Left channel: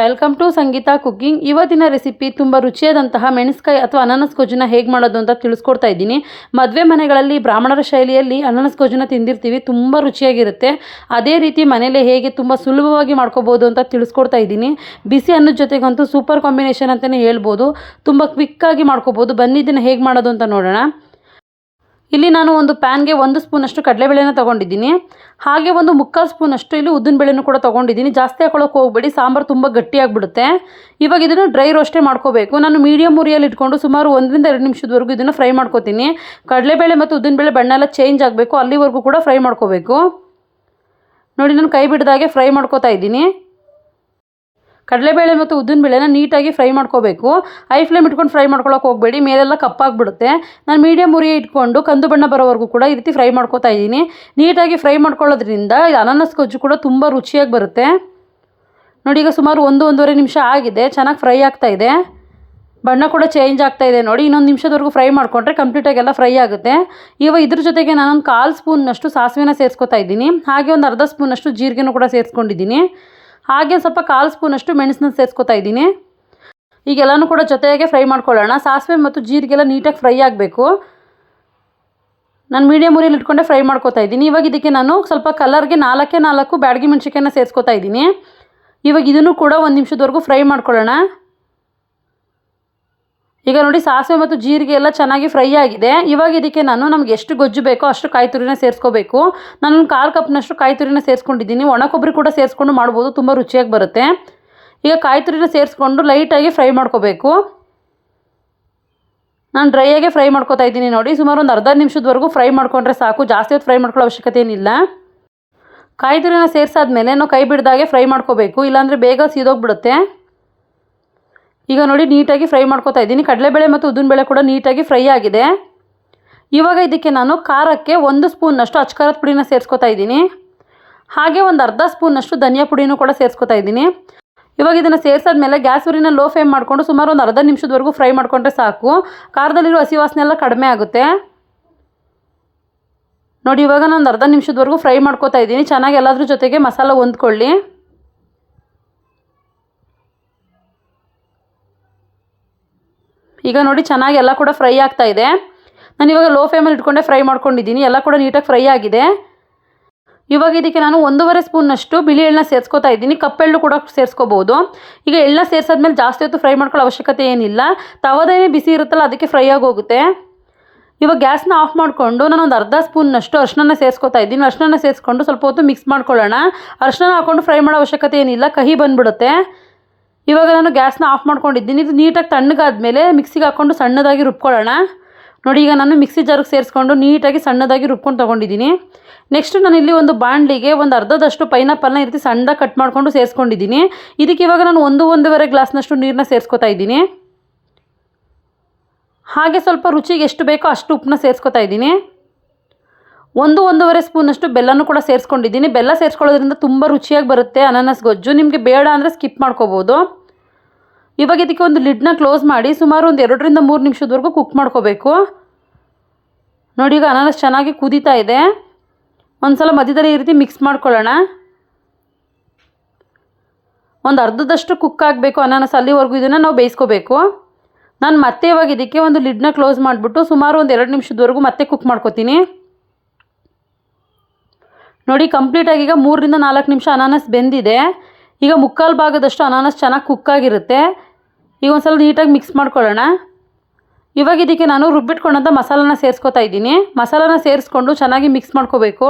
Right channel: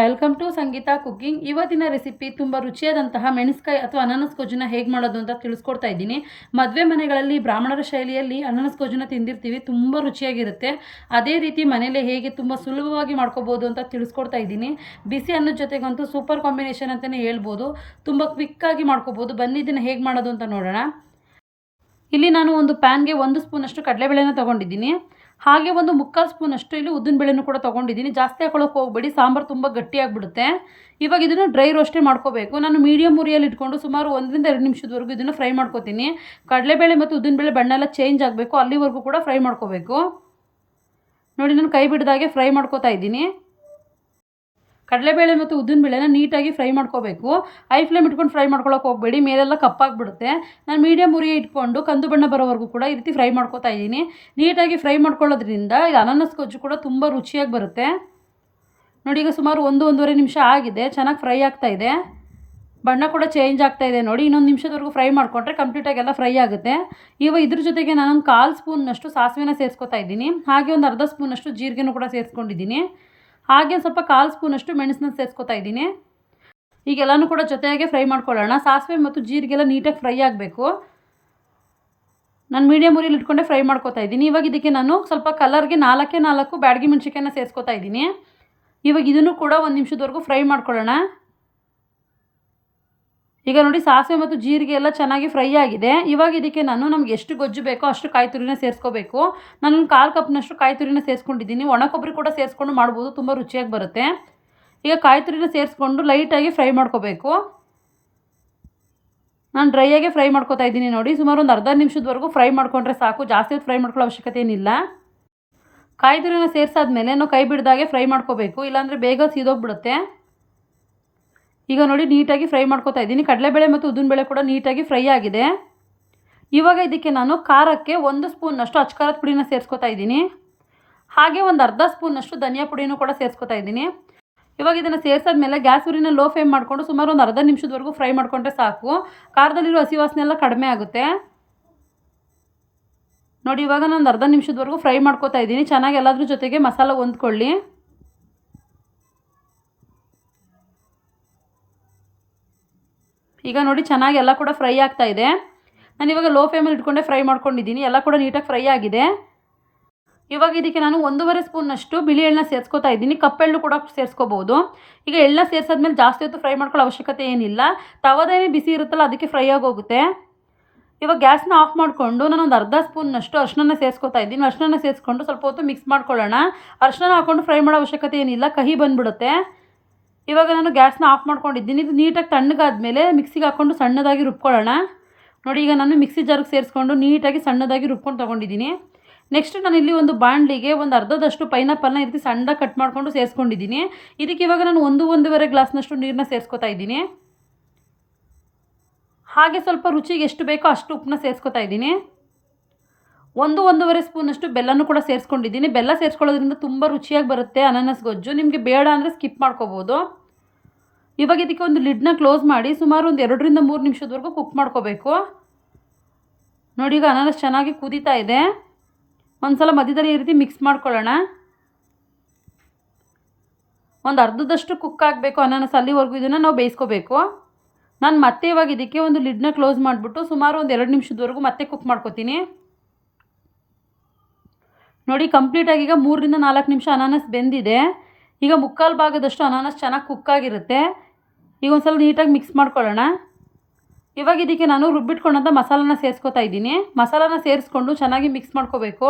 Welcome to Sangeetha cooking. ಇವತ್ತಿನ recipe ತುಂಬ ರುಚಿಯಾದಂತಹ ಮೆಣಸ್ಕಾಯಿ ಅಥವಾ ಅನಾನಸ್ ಗೊಜ್ಜನ್ನ ಹೇಗೆ ಮಾಡೋದು ಅಂತ ತಿಳಿಸ್ಕೊಡ್ತಾ ಇದ್ದೀನಿ. ಮದುವೆ ಮನೆಗಳಲ್ಲಿ ಬ್ರಾಹ್ಮಣರ ಶೈಲಿಯಲ್ಲಿ ಅನಾನಸ್ ಗೊಜ್ಜನ್ನ ತಿಂದಿರ್ತೀವಿ, ತುಂಬ ರುಚಿಯಾಗಿರುತ್ತೆ. ಅದೇ ರೀತಿ ಮನೇಲಿ ಹೇಗೆ ತುಂಬ ಸುಲಭವಾಗಿ ಮಾಡ್ಕೋಬೋದು ಅಂತ ತಿಳಿಸ್ಕೊಡ್ತಾ ಇದ್ದೀನಿ. ಬಿಸಿ ಅನ್ನದ ಜೊತೆಗಂತೂ ಸೂಪರ್ ಕಾಂಬಿನೇಷನ್ ಅಂತಲೇ ಹೇಳ್ಬೋದು. ತುಂಬ ಕ್ವಿಕ್ಕಾಗಿ ಮಾಡ್ಕೋಬೋದು. ಬನ್ನಿ, ಇದನ್ನು ಹೇಗೆ ಮಾಡೋದು ಅಂತ ನೋಡೋಣ. ಇಲ್ಲಿ ನಾನು ಒಂದು ಪ್ಯಾನ್ಗೆ ಒಂದು ಸ್ಪೂನಷ್ಟು ಕಡಲೆಬೇಳೆನ ತೊಗೊಂಡಿದ್ದೀನಿ. ಹಾಗೆ ಒಂದು ಮುಕ್ಕಾಲು ಸ್ಪೂನಷ್ಟು ಇಲ್ಲಿ ಉದ್ದಿನ ಬೇಳೆನೂ ಕೂಡ ತೊಗೊಂಡಿದ್ದೀನಿ. ಜಾಸ್ತಿ ಹಾಕೊಳ್ಳೋಕೆ ಹೋಗಬೇಡಿ, ಸಾಂಬಾರು ತುಂಬ ಗಟ್ಟಿಯಾಗಿಬಿಡುತ್ತೆ. ಇವಾಗ ಇದನ್ನು ಡ್ರೈ ರೋಸ್ಟೇ ಮಾಡ್ಕೋಬೇಕು. ನಾನು ಮೀಡಿಯಮ್ ಉರಿಯಲ್ಲಿ ಇಟ್ಕೊಂಡು ಸುಮಾರು ಒಂದರಿಂದ ಎರಡು ನಿಮಿಷದವರೆಗೂ ಇದನ್ನು ಫ್ರೈ ಮಾಡ್ಕೋತೀನಿ. ಕಡಲೆಬೇಳೆ ಮತ್ತು ಉದ್ದಿನಬೇಳೆ ಬಣ್ಣ ಎಲ್ಲ ಚೇಂಜ್ ಆಗಬೇಕು. ಅಲ್ಲಿವರೆಗೂ ಕೂಡ ಫ್ರೈ ಮಾಡ್ಕೋಬೇಕು. ನೋಡಿ, ನಾನು ಕೈ ಬಿಡ್ದಾಗೆ ಫ್ರೈ ಮಾಡ್ಕೋತಾ ಇದ್ದೀನಿ. ಕಡಲೆಬೇಳೆ ಮತ್ತು ಉದ್ದಿನಬೇಳೆನ ನೀಟಾಗಿ ಫ್ರೈ ಮಾಡ್ಕೋಬೇಕು. ಐ ಫ್ಲೇಮ್ ಇಟ್ಕೊಂಡು ಫ್ರೈ ಮಾಡ್ಕೊಳಕ್ಕೆ ಹೋಗಬೇಡಿ. ಮೇಲೆಲ್ಲ ಕಪ್ಪಾಗ್ಬಿಡುತ್ತೆ. ನಾನು ಮೀಡಿಯಮ್ ಉರಿ ಇಟ್ಕೊಂಡು ಕಂದು ಬಣ್ಣ ಬರೋವರೆಗೂ ಕೂಡ ಈ ರೀತಿ ಫ್ರೈ ಮಾಡ್ಕೋತಾ ಇದ್ದೀನಿ. ನೀಟಾಗಿ ಫ್ರೈ ಮಾಡ್ಕೊಳ್ಳೋದ್ರಿಂದ ಇದು ಅನಾನಸ್ ಗೊಜ್ಜು ಕೂಡ ತುಂಬ ರುಚಿಯಾಗಿ ಬರುತ್ತೆ. ನೋಡಿ, ಈಗ ಸುಮಾರು ಒಂದು, ಒಂದೂವರೆ ನಿಮಿಷ ಆಗಿದೆ. ಚೆನ್ನಾಗಿ ಫ್ರೈ ಆಗ್ತಾ ಇದೆ. ಬಣ್ಣ ಕೂಡ ಚೇಂಜ್ ಆಗ್ತಾ ಇದೆ ನೋಡಿ. ಇನ್ನೊಂದು ನಿಮಿಷದವರೆಗೂ ಫ್ರೈ ಮಾಡಿಕೊಂಡ್ರೆ ಕಂಪ್ಲೀಟಾಗೆಲ್ಲ ಫ್ರೈ ಆಗುತ್ತೆ. ಇವಾಗ ಇದ್ರ ಜೊತೆಗೆ ನಾನೊಂದು ಕಾಲು ಸ್ಪೂನ್ನಷ್ಟು ಸಾಸಿವೆನ ಸೇರಿಸ್ಕೊತಾ ಇದ್ದೀನಿ. ಹಾಗೆ ಒಂದು ಅರ್ಧ ಸ್ಪೂನಷ್ಟು ಜೀರಿಗೆನೂ ಕೂಡ ಸೇರಿಸ್ಕೊಂಡಿದ್ದೀನಿ. ಹಾಗೆ ಸ್ವಲ್ಪ ಕಾಲು ಸ್ಪೂನಷ್ಟು ಮೆಣಸನ್ನ ಸೇರಿಸ್ಕೊತಾ ಇದ್ದೀನಿ. ಈಗೆಲ್ಲನೂ ಕೂಡ ಜೊತೆಗೆ ಫ್ರೈ ಮಾಡ್ಕೊಳ್ಳೋಣ. ಸಾಸಿವೆ ಮತ್ತು ಜೀರಿಗೆಲ್ಲ ನೀಟಾಗಿ ಫ್ರೈ ಆಗಬೇಕು. ನಾನು ಮೀಡಿಯಮ್ ಉರಿಯಲ್ಲಿ ಇಟ್ಕೊಂಡೆ ಫ್ರೈ ಮಾಡ್ಕೊತಾ ಇದ್ದೀನಿ. ಇವಾಗ ಇದಕ್ಕೆ ನಾನು ಸ್ವಲ್ಪ ಕಲರ್ಗೆ ನಾಲ್ಕೇ ನಾಲ್ಕು ಬ್ಯಾಡಗಿ ಮೆಣಸಿಕಾಯನ್ನ ಸೇರಿಸ್ಕೊತಾ ಇದ್ದೀನಿ. ಇವಾಗ ಇದನ್ನು ಕೂಡ ಒಂದು ನಿಮಿಷದವರೆಗೂ ಫ್ರೈ ಮಾಡ್ಕೊಳ್ಳೋಣ. ಈಗ ನೋಡಿ ಸಾಸಿವೆ ಮತ್ತು ಜೀರಿಗೆ ಎಲ್ಲ ಚೆನ್ನಾಗಿ ಫ್ರೈ ಆಗಿದೆ. ಇವಾಗ ಇದಕ್ಕೆ ನಾನು ನಮ್ಗೆ ಎಷ್ಟು ಗೊಜ್ಜು ಬೇಕೋ ಅಷ್ಟು ಕಾಯಿ ತುರಿನ ಸೇರಿಸ್ಕೋಬೇಕು. ನಾನು ಕಾಲು ಕಪ್ನಷ್ಟು ಕಾಯಿ ತುರಿನ ಸೇರಿಸ್ಕೊಂಡಿದ್ದೀನಿ. ಒಣ ಕೊಬ್ಬರಿ ಕೂಡ ಸೇರಿಸ್ಕೊಂಡು ಮಾಡ್ಬೋದು, ತುಂಬ ರುಚಿಯಾಗಿ ಬರುತ್ತೆ. ಈಗ ಕಾಯಿ ತುರಿನ ಸೇರಿಸ್ಕೊಂಡು ಲೈಟಾಗಿ ಫ್ರೈ ಮಾಡ್ಕೋಬೇಕು. ನಾನು ಡ್ರೈಯಾಗೆ ಫ್ರೈ ಮಾಡ್ಕೋತಾ ಇದ್ದೀನಿ ನೋಡಿ. ಸುಮಾರು ಒಂದು ಅರ್ಧ ನಿಮಿಷದವರೆಗೂ ಫ್ರೈ ಮಾಡ್ಕೊಂಡ್ರೆ ಸಾಕು. ಜಾಸ್ತಿ ಹೊತ್ತು ಫ್ರೈ ಮಾಡ್ಕೊಳ್ಳೋ ಅವಶ್ಯಕತೆ ಏನಿಲ್ಲ. ಕಾಯಿ ತುರಿನ ಸೇರಿಸಾದ್ಮೇಲೆ ನಾವು ಕೈ ಬಿಡ್ದಾಗೆ ಫ್ರೈ ಮಾಡ್ಕೋಬೇಕು. ಇಲ್ಲಾಂದರೆ ಬೇಗ ಸೀದೋಗ್ಬಿಡುತ್ತೆ. ಈಗ ನೋಡಿ, ನೀಟಾಗಿ ಫ್ರೈ ಮಾಡ್ಕೊತಾ ಇದ್ದೀನಿ. ಕಡಲೆಬೇಳೆ ಮತ್ತು ಉದ್ದಿನಬೇಳೆ ಕೂಡ ನೀಟಾಗಿ ಫ್ರೈ ಆಗಿದೆ. ಇವಾಗ ಇದಕ್ಕೆ ನಾನು ಖಾರಕ್ಕೆ ಒಂದು ಸ್ಪೂನ್ನಷ್ಟು ಅಚ್ಕಾರದ ಪುಡಿನ ಸೇರಿಸ್ಕೊತಾ ಇದ್ದೀನಿ. ಹಾಗೆ ಒಂದು ಅರ್ಧ ಸ್ಪೂನಷ್ಟು ಧನಿಯಾ ಪುಡಿನೂ ಕೂಡ ಸೇರಿಸ್ಕೊತಾ ಇದ್ದೀನಿ. ಇವಾಗ ಇದನ್ನು ಸೇರಿಸಾದ್ಮೇಲೆ ಗ್ಯಾಸ್ ಉರಿನ ಲೋ ಫ್ಲೇಮ್ ಮಾಡಿಕೊಂಡು ಸುಮಾರು ಒಂದು ಅರ್ಧ ನಿಮಿಷದವರೆಗೂ ಫ್ರೈ ಮಾಡಿಕೊಂಡ್ರೆ ಸಾಕು. ಖಾರದಲ್ಲಿರೋ ಹಸಿ ವಾಸನೆ ಎಲ್ಲ ಕಡಿಮೆ ಆಗುತ್ತೆ. ನೋಡಿ, ಇವಾಗ ನಾನು ಅರ್ಧ ನಿಮಿಷದವರೆಗೂ ಫ್ರೈ ಮಾಡ್ಕೋತಾ ಇದ್ದೀನಿ. ಚೆನ್ನಾಗಿ ಎಲ್ಲದ್ರ ಜೊತೆಗೆ ಮಸಾಲ ಹೊಂದ್ಕೊಳ್ಳಿ. ಈಗ ನೋಡಿ ಚೆನ್ನಾಗಿ ಎಲ್ಲ ಕೂಡ ಫ್ರೈ ಆಗ್ತಾ ಇದೆ. ನಾನು ಇವಾಗ ಲೋ ಫ್ಲೇಮಲ್ಲಿ ಇಟ್ಕೊಂಡೆ ಫ್ರೈ ಮಾಡ್ಕೊಂಡಿದ್ದೀನಿ. ಎಲ್ಲ ಕೂಡ ನೀಟಾಗಿ ಫ್ರೈ ಆಗಿದೆ. ಇವಾಗ ಇದಕ್ಕೆ ನಾನು ಒಂದೂವರೆ ಸ್ಪೂನಷ್ಟು ಬಿಳಿ ಎಳ್ಳನ್ನ ಸೇರ್ಸ್ಕೊತಾ ಇದ್ದೀನಿ. ಕಪ್ಪೆಳ್ಳು ಕೂಡ ಸೇರಿಸ್ಕೋಬೋದು. ಈಗ ಎಳ್ಳನ್ನ ಸೇರಿಸಾದ್ಮೇಲೆ ಜಾಸ್ತಿ ಹೊತ್ತು ಫ್ರೈ ಮಾಡ್ಕೊಳ್ಳೋ ಅವಶ್ಯಕತೆ ಏನಿಲ್ಲ. ತವದೇನೆ ಬಿಸಿ ಇರುತ್ತಲ್ಲ, ಅದಕ್ಕೆ ಫ್ರೈ ಆಗೋಗುತ್ತೆ. ಇವಾಗ ಗ್ಯಾಸ್ನ ಆಫ್ ಮಾಡಿಕೊಂಡು ನಾನು ಒಂದು ಅರ್ಧ ಸ್ಪೂನ್ನಷ್ಟು ಅರ್ಶಿನ ಸೇರಿಸ್ಕೊತಾ ಇದ್ದೀನಿ. ಅರ್ಶಿನ ಸೇರಿಸ್ಕೊಂಡು ಸ್ವಲ್ಪ ಹೊತ್ತು ಮಿಕ್ಸ್ ಮಾಡ್ಕೊಳ್ಳೋಣ. ಅರ್ಶಿನ ಹಾಕ್ಕೊಂಡು ಫ್ರೈ ಮಾಡೋ ಅವಶ್ಯಕತೆ ಏನಿಲ್ಲ. ಕಹಿ ಬಂದುಬಿಡುತ್ತೆ. ಇವಾಗ ನಾನು ಗ್ಯಾಸ್ನ ಆಫ್ ಮಾಡ್ಕೊಂಡಿದ್ದೀನಿ. ಇದು ನೀಟಾಗಿ ತಣ್ಣಗಾದ್ಮೇಲೆ ಮಿಕ್ಸಿಗೆ ಹಾಕ್ಕೊಂಡು ಸಣ್ಣದಾಗಿ ರುಬ್ಕೊಳ್ಳೋಣ. ನೋಡಿ, ಈಗ ನಾನು ಮಿಕ್ಸಿ ಜಾರಿಗೆ ಸೇರಿಸ್ಕೊಂಡು ನೀಟಾಗಿ ಸಣ್ಣದಾಗಿ ರುಬ್ಕೊಂಡು ತೊಗೊಂಡಿದ್ದೀನಿ. ನೆಕ್ಸ್ಟ್ ನಾನು ಇಲ್ಲಿ ಒಂದು ಬಾಣಲಿಗೆ ಒಂದು ಅರ್ಧದಷ್ಟು ಪೈನಾಪಲ್ನ ಈ ರೀತಿ ಕಟ್ ಮಾಡಿಕೊಂಡು ಸೇರಿಸ್ಕೊಂಡಿದ್ದೀನಿ. ಇದಕ್ಕೆ ಇವಾಗ ನಾನು ಒಂದು, ಒಂದೂವರೆ ಗ್ಲಾಸ್ನಷ್ಟು ನೀರನ್ನ ಸೇರಿಸ್ಕೊತಾ ಇದ್ದೀನಿ. ಹಾಗೆ ಸ್ವಲ್ಪ ರುಚಿಗೆ ಎಷ್ಟು ಬೇಕೋ ಅಷ್ಟು ಉಪ್ಪನ್ನ ಸೇರಿಸ್ಕೊತಾ ಇದ್ದೀನಿ. ಒಂದು ಒಂದೂವರೆ ಸ್ಪೂನಷ್ಟು ಬೆಲ್ಲನೂ ಕೂಡ ಸೇರಿಸ್ಕೊಂಡಿದ್ದೀನಿ. ಬೆಲ್ಲ ಸೇರಿಸ್ಕೊಳ್ಳೋದ್ರಿಂದ ತುಂಬ ರುಚಿಯಾಗಿ ಬರುತ್ತೆ ಅನಾನಸ್ ಗೊಜ್ಜು. ನಿಮಗೆ ಬೇಡ ಅಂದರೆ ಸ್ಕಿಪ್ ಮಾಡ್ಕೋಬೋದು. ಇವಾಗ ಇದಕ್ಕೆ ಒಂದು ಲಿಡ್ನ ಕ್ಲೋಸ್ ಮಾಡಿ ಸುಮಾರು ಒಂದು ಎರಡರಿಂದ ಮೂರು ನಿಮಿಷದವರೆಗೂ ಕುಕ್ ಮಾಡ್ಕೋಬೇಕು. ನೋಡಿ, ಈಗ ಅನಾನಸ್ ಚೆನ್ನಾಗಿ ಕುದೀತಾ ಇದೆ. ಒಂದು ಸಲ ಮಧ್ಯದಲ್ಲಿ ಈ ರೀತಿ ಮಿಕ್ಸ್ ಮಾಡ್ಕೊಳ್ಳೋಣ. ಒಂದು ಅರ್ಧದಷ್ಟು ಕುಕ್ ಆಗಬೇಕು ಅನಾನಸ್. ಅಲ್ಲಿವರೆಗೂ ಇದನ್ನು ನಾವು ಬೇಯಿಸ್ಕೋಬೇಕು. ನಾನು ಮತ್ತೆ ಇವಾಗ ಇದಕ್ಕೆ ಒಂದು ಲಿಡ್ನ ಕ್ಲೋಸ್ ಮಾಡಿಬಿಟ್ಟು ಸುಮಾರು ಒಂದು ಎರಡು ನಿಮಿಷದವರೆಗೂ ಮತ್ತೆ ಕುಕ್ ಮಾಡ್ಕೋತೀನಿ. ನೋಡಿ ಕಂಪ್ಲೀಟಾಗಿ ಈಗ ಮೂರರಿಂದ ನಾಲ್ಕು ನಿಮಿಷ ಅನಾನಸ್ ಬೆಂದಿದೆ. ಈಗ ಮುಕ್ಕಾಲು ಭಾಗದಷ್ಟು ಅನಾನಸ್ ಚೆನ್ನಾಗಿ ಕುಕ್ಕಾಗಿರುತ್ತೆ ಈಗ ಒಂದು ಸಲ ನೀಟಾಗಿ ಮಿಕ್ಸ್ ಮಾಡ್ಕೊಳ್ಳೋಣ. ಇವಾಗ ಇದಕ್ಕೆ ನಾನು ರುಬ್ಬಿಟ್ಕೊಂಡಂಥ ಮಸಾಲನ ಸೇರಿಸ್ಕೊತಾ ಇದ್ದೀನಿ. ಮಸಾಲಾನ ಸೇರಿಸ್ಕೊಂಡು ಚೆನ್ನಾಗಿ ಮಿಕ್ಸ್ ಮಾಡ್ಕೋಬೇಕು.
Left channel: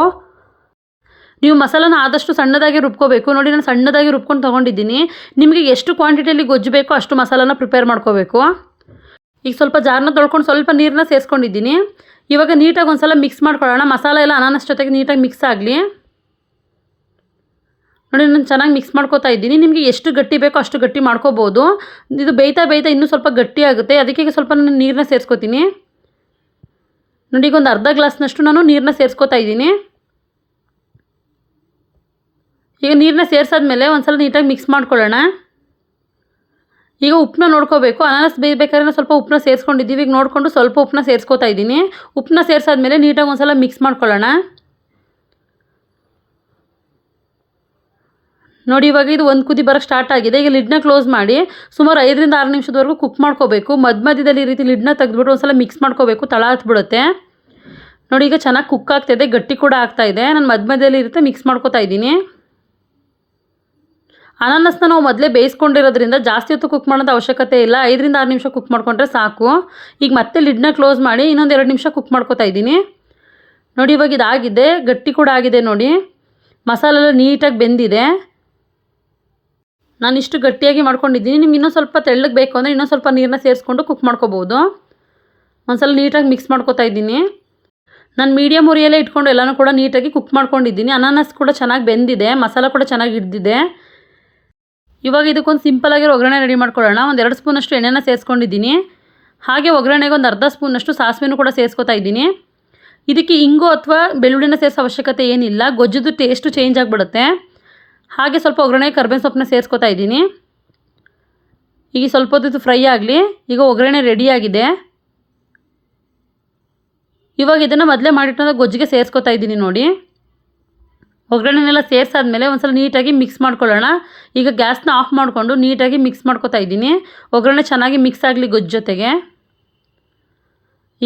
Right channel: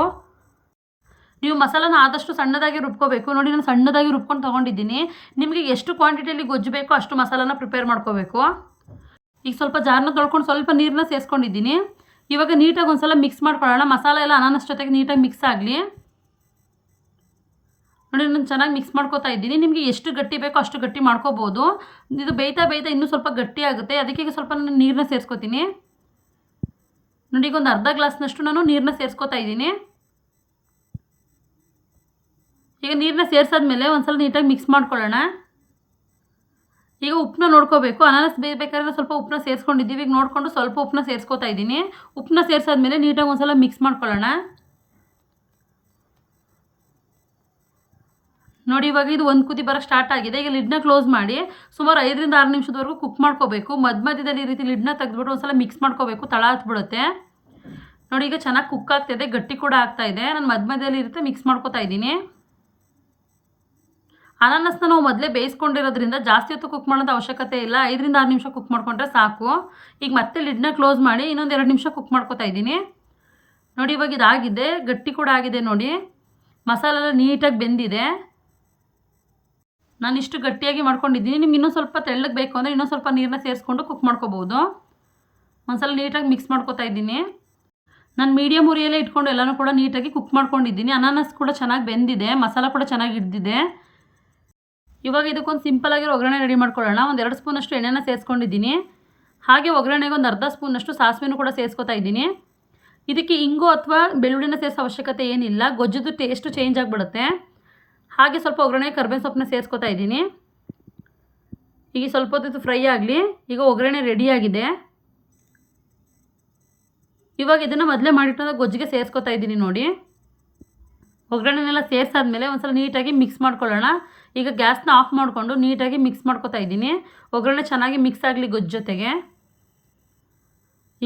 ನೀವು ಮಸಾಲಾನ ಆದಷ್ಟು ಸಣ್ಣದಾಗಿ ರುಬ್ಕೋಬೇಕು. ನೋಡಿ, ನಾನು ಸಣ್ಣದಾಗಿ ರುಬ್ಕೊಂಡು ತೊಗೊಂಡಿದ್ದೀನಿ. ನಿಮಗೆ ಎಷ್ಟು ಕ್ವಾಂಟಿಟಿಯಲ್ಲಿ ಗೊಜ್ಜು ಬೇಕೋ ಅಷ್ಟು ಮಸಾಲಾನ ಪ್ರಿಪೇರ್ ಮಾಡ್ಕೋಬೇಕು. ಈಗ ಸ್ವಲ್ಪ ಜಾರನ್ನ ತೊಳ್ಕೊಂಡು ಸ್ವಲ್ಪ ನೀರನ್ನ ಸೇರಿಸ್ಕೊಂಡಿದ್ದೀನಿ. ಇವಾಗ ನೀಟಾಗಿ ಒಂದು ಸಲ ಮಿಕ್ಸ್ ಮಾಡ್ಕೊಳ್ಳೋಣ. ಮಸಾಲೆ ಎಲ್ಲ ಅನಾನಸ್ ಜೊತೆಗೆ ನೀಟಾಗಿ ಮಿಕ್ಸ್ ಆಗಲಿ. ನೋಡಿ, ನಾನು ಚೆನ್ನಾಗಿ ಮಿಕ್ಸ್ ಮಾಡ್ಕೋತಾ ಇದ್ದೀನಿ. ನಿಮಗೆ ಎಷ್ಟು ಗಟ್ಟಿ ಬೇಕೋ ಅಷ್ಟು ಗಟ್ಟಿ ಮಾಡ್ಕೋಬೋದು. ಇದು ಬೇಯ್ತಾ ಬೇಯ್ತಾ ಇನ್ನೂ ಸ್ವಲ್ಪ ಗಟ್ಟಿ ಆಗುತ್ತೆ. ಅದಕ್ಕೆ ಸ್ವಲ್ಪ ನಾನು ನೀರನ್ನ ಸೇರಿಸ್ಕೋತೀನಿ. ನೋಡಿ, ಈಗ ಒಂದು ಅರ್ಧ ಗ್ಲಾಸ್ನಷ್ಟು ನಾನು ನೀರನ್ನ ಸೇರಿಸ್ಕೋತಾ ಇದ್ದೀನಿ. ಈಗ ನೀರನ್ನ ಸೇರಿಸಾದ್ಮೇಲೆ ಒಂದು ಸಲ ನೀಟಾಗಿ ಮಿಕ್ಸ್ ಮಾಡ್ಕೊಳ್ಳೋಣ. ಈಗ ಉಪ್ಪನ್ನ ನೋಡ್ಕೋಬೇಕು. ಅನಾನಸ್ ಬೇಯಬೇಕಾದ್ರೆ ಸ್ವಲ್ಪ ಉಪ್ಪನ್ನ ಸೇರಿಸ್ಕೊಂಡಿದ್ದೀವಿ. ಈಗ ನೋಡಿಕೊಂಡು ಸ್ವಲ್ಪ ಉಪ್ಪನ್ನ ಸೇರಿಸ್ಕೊತಾ ಇದ್ದೀನಿ. ಉಪ್ಪನ್ನ ಸೇರಿಸಾದ್ಮೇಲೆ ನೀಟಾಗಿ ಒಂದು ಸಲ ಮಿಕ್ಸ್ ಮಾಡ್ಕೊಳ್ಳೋಣ. ನೋಡಿ, ಇವಾಗ ಇದು ಒಂದು ಕುದಿ ಬರೋಕ್ಕೆ ಸ್ಟಾರ್ಟ್ ಆಗಿದೆ. ಈಗ ಲಿಡ್ನ ಕ್ಲೋಸ್ ಮಾಡಿ ಸುಮಾರು ಐದರಿಂದ ಆರು ನಿಮಿಷದವರೆಗೂ ಕುಕ್ ಮಾಡ್ಕೋಬೇಕು. ಮಧ್ಯ ಮಧ್ಯದಲ್ಲಿ ಈ ರೀತಿ ಲಿಡ್ನ ತೆಗೆದ್ಬಿಟ್ಟು ಒಂದ್ಸಲ ಮಿಕ್ಸ್ ಮಾಡ್ಕೋಬೇಕು. ತಳ ಹತ್ಬಿಡುತ್ತೆ. ನೋಡಿ, ಈಗ ಚೆನ್ನಾಗಿ ಕುಕ್ ಆಗ್ತಾಯಿದೆ ಗಟ್ಟಿ ಕೂಡ ಆಗ್ತಾ ಇದೆ. ನಾನು ಮಧ್ಯ ಮಧ್ಯದಲ್ಲಿ ಇರುತ್ತೆ ಮಿಕ್ಸ್ ಮಾಡ್ಕೋತಾ ಇದ್ದೀನಿ. ಅನಾನಸ್ನ ನಾವು ಮೊದಲೇ ಬೇಯಿಸ್ಕೊಂಡಿರೋದ್ರಿಂದ ಜಾಸ್ತಿ ಹೊತ್ತು ಕುಕ್ ಮಾಡೋದು ಅವಶ್ಯಕತೆ ಇಲ್ಲ. ಐದರಿಂದ ಆರು ನಿಮಿಷ ಕುಕ್ ಮಾಡ್ಕೊಂಡ್ರೆ ಸಾಕು. ಈಗ ಮತ್ತೆ ಲಿಡ್ನ ಕ್ಲೋಸ್ ಮಾಡಿ ಇನ್ನೊಂದು ಎರಡು ನಿಮಿಷ ಕುಕ್ ಮಾಡ್ಕೊತಾ ಇದ್ದೀನಿ. ನೋಡಿ ಇವಾಗ ಇದಾಗಿದೆ. ಗಟ್ಟಿ ಕೂಡ ಆಗಿದೆ ನೋಡಿ. ಮಸಾಲೆ ಎಲ್ಲ ನೀಟಾಗಿ ಬೆಂದಿದೆ. ನಾನು ಇಷ್ಟು ಗಟ್ಟಿಯಾಗಿ ಮಾಡ್ಕೊಂಡಿದ್ದೀನಿ. ನಿಮ್ಗೆ ಇನ್ನೊಂದು ಸ್ವಲ್ಪ ತೆಳ್ಳಗೆ ಬೇಕು ಅಂದರೆ ಇನ್ನೊಂದು ಸ್ವಲ್ಪ ನೀರನ್ನ ಸೇರಿಸ್ಕೊಂಡು ಕುಕ್ ಮಾಡ್ಕೋಬೋದು. ಒಂದ್ಸಲ ನೀಟಾಗಿ ಮಿಕ್ಸ್ ಮಾಡ್ಕೋತಾ ಇದ್ದೀನಿ. ನಾನು ಮೀಡಿಯಮ್ ಉರಿಯಲ್ಲೇ ಇಟ್ಕೊಂಡು ಎಲ್ಲನೂ ಕೂಡ ನೀಟಾಗಿ ಕುಕ್ ಮಾಡ್ಕೊಂಡಿದ್ದೀನಿ. ಅನಾನಸ್ ಕೂಡ ಚೆನ್ನಾಗಿ ಬೆಂದಿದೆ. ಮಸಾಲ ಕೂಡ ಚೆನ್ನಾಗಿ ಹಿಡ್ದಿದೆ. ಇವಾಗ ಇದಕ್ಕೊಂದು ಸಿಂಪಲ್ ಒಗ್ಗರಣೆ ರೆಡಿ ಮಾಡ್ಕೊಳ್ಳೋಣ. ಒಂದು ಎರಡು ಸ್ಪೂನಷ್ಟು ಎಣ್ಣೆನ ಸೇರಿಸ್ಕೊಂಡಿದ್ದೀನಿ ಹಾಗೆ ಒಗ್ಗರಣೆಗೆ ಒಂದು ಅರ್ಧ ಸ್ಪೂನಷ್ಟು ಸಾಸಿವೆನೂ ಕೂಡ ಸೇರಿಸ್ಕೊತಾ ಇದ್ದೀನಿ. ಇದಕ್ಕೆ ಇಂಗು ಅಥವಾ ಬೆಳ್ಳುಳ್ಳಿನ ಸೇರಿಸೋ ಅವಶ್ಯಕತೆ ಏನಿಲ್ಲ. ಗೊಜ್ಜದು ಟೇಸ್ಟು ಚೇಂಜ್ ಆಗಿಬಿಡುತ್ತೆ. ಹಾಗೆ ಸ್ವಲ್ಪ ಒಗ್ಗರಣೆ ಕರ್ಬೇವಿನ ಸೊಪ್ಪನ್ನ ಸೇರಿಸ್ಕೊತಾ ಇದ್ದೀನಿ. ಈಗ ಸ್ವಲ್ಪ ಹೊತ್ತು ಫ್ರೈ ಆಗಲಿ. ಈಗ ಒಗ್ಗರಣೆ ರೆಡಿಯಾಗಿದೆ ಇವಾಗ ಇದನ್ನು ಮೊದಲೇ ಮಾಡಿಟ್ಟಂಥ ಗೊಜ್ಜಿಗೆ ಸೇರಿಸ್ಕೊತಾ ಇದ್ದೀನಿ ನೋಡಿ. ಒಗ್ಗರಣೆನೆಲ್ಲ ಸೇರಿಸಾದ್ಮೇಲೆ ಒಂದ್ಸಲ ನೀಟಾಗಿ ಮಿಕ್ಸ್ ಮಾಡ್ಕೊಳ್ಳೋಣ. ಈಗ ಗ್ಯಾಸ್ನ ಆಫ್ ಮಾಡಿಕೊಂಡು ನೀಟಾಗಿ ಮಿಕ್ಸ್ ಮಾಡ್ಕೊತಾ ಇದ್ದೀನಿ. ಒಗ್ಗರಣೆ ಚೆನ್ನಾಗಿ ಮಿಕ್ಸ್ ಆಗಲಿ ಗೊಜ್ಜು ಜೊತೆಗೆ.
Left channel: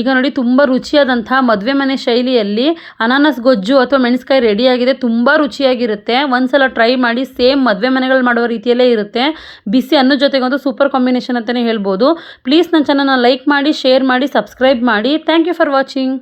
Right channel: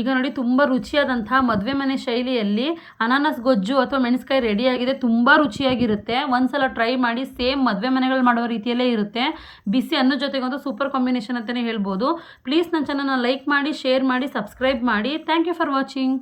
ಈಗ ನೋಡಿ ತುಂಬ ರುಚಿಯಾದಂಥ ಮದುವೆ ಮನೆ ಶೈಲಿಯಲ್ಲಿ ಅನಾನಸ್ ಗೊಜ್ಜು ಅಥವಾ ಮೆಣಸ್ಕಾಯಿ ರೆಡಿಯಾಗಿದೆ ತುಂಬ ರುಚಿಯಾಗಿರುತ್ತೆ. ಒಂದ್ಸಲ ಟ್ರೈ ಮಾಡಿ ಸೇಮ್ ಮದುವೆ ಮನೆಗಳು ಮಾಡುವ ರೀತಿಯಲ್ಲೇ ಇರುತ್ತೆ. ಬಿಸಿ ಅನ್ನದ ಜೊತೆಗಂತೂ ಸೂಪರ್ ಕಾಂಬಿನೇಷನ್ ಅಂತಲೇ ಹೇಳ್ಬೋದು. ಪ್ಲೀಸ್ ನನ್ನ ಚಾನಲ್ನ ಲೈಕ್ ಮಾಡಿ ಶೇರ್ ಮಾಡಿ ಸಬ್ಸ್ಕ್ರೈಬ್ ಮಾಡಿ. Thank you for watching